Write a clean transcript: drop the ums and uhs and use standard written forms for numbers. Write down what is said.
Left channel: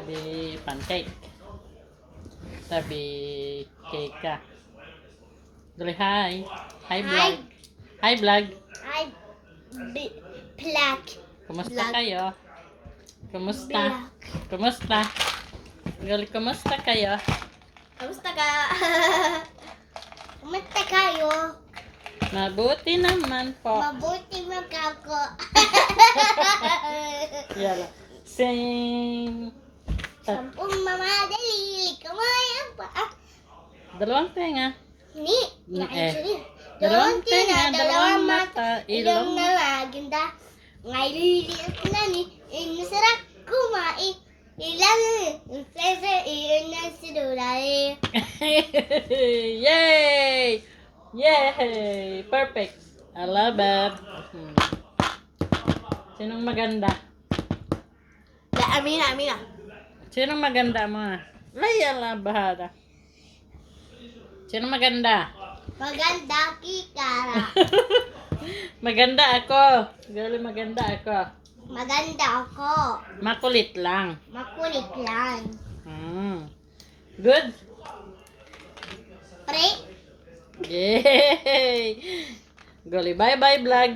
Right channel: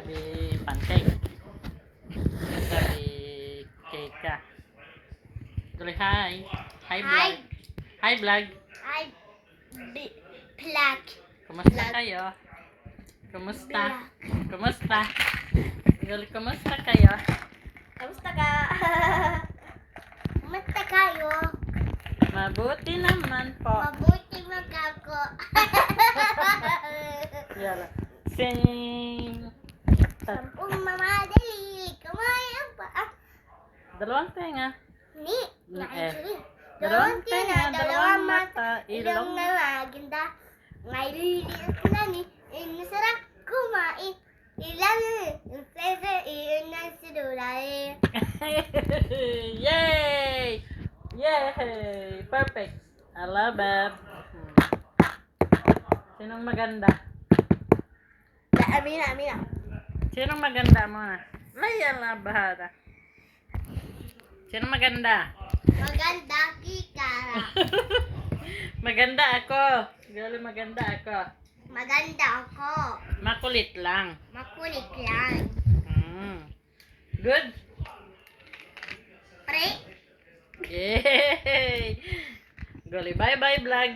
Sabi pancake. Sabi cake ka. Dali, hi. Hi, vlog. Hi, vlog. Hi, black. Kumusta Vlog. kayo? Kumusta? Black. Kumusta? Gali, kumusta kayo? Kamusta ka? Kamusta kayo? Mabuti naman po. Mabuti magkako. Yala. Sing. Sampung mamadali. Kamay pa. Dalawang tenga. Ni. Dalawang tenga, dalawang mata, Ilong ilong. na maganda. Ngayon na ni. Masarap kumain. Ilang pleasure iyon na sinulay. Yay! Yay! Perfect. I love it. Sinong maganda? Amina. Sinong maganda mga? Laya lang bahada. Sinong maganda? Maganda kikara. Maganda ako. Gali, maganda ako. Maganda ako. Makulit lang. Makulit lang. Good? Pre. Yay! Gali, bye-bye vlog.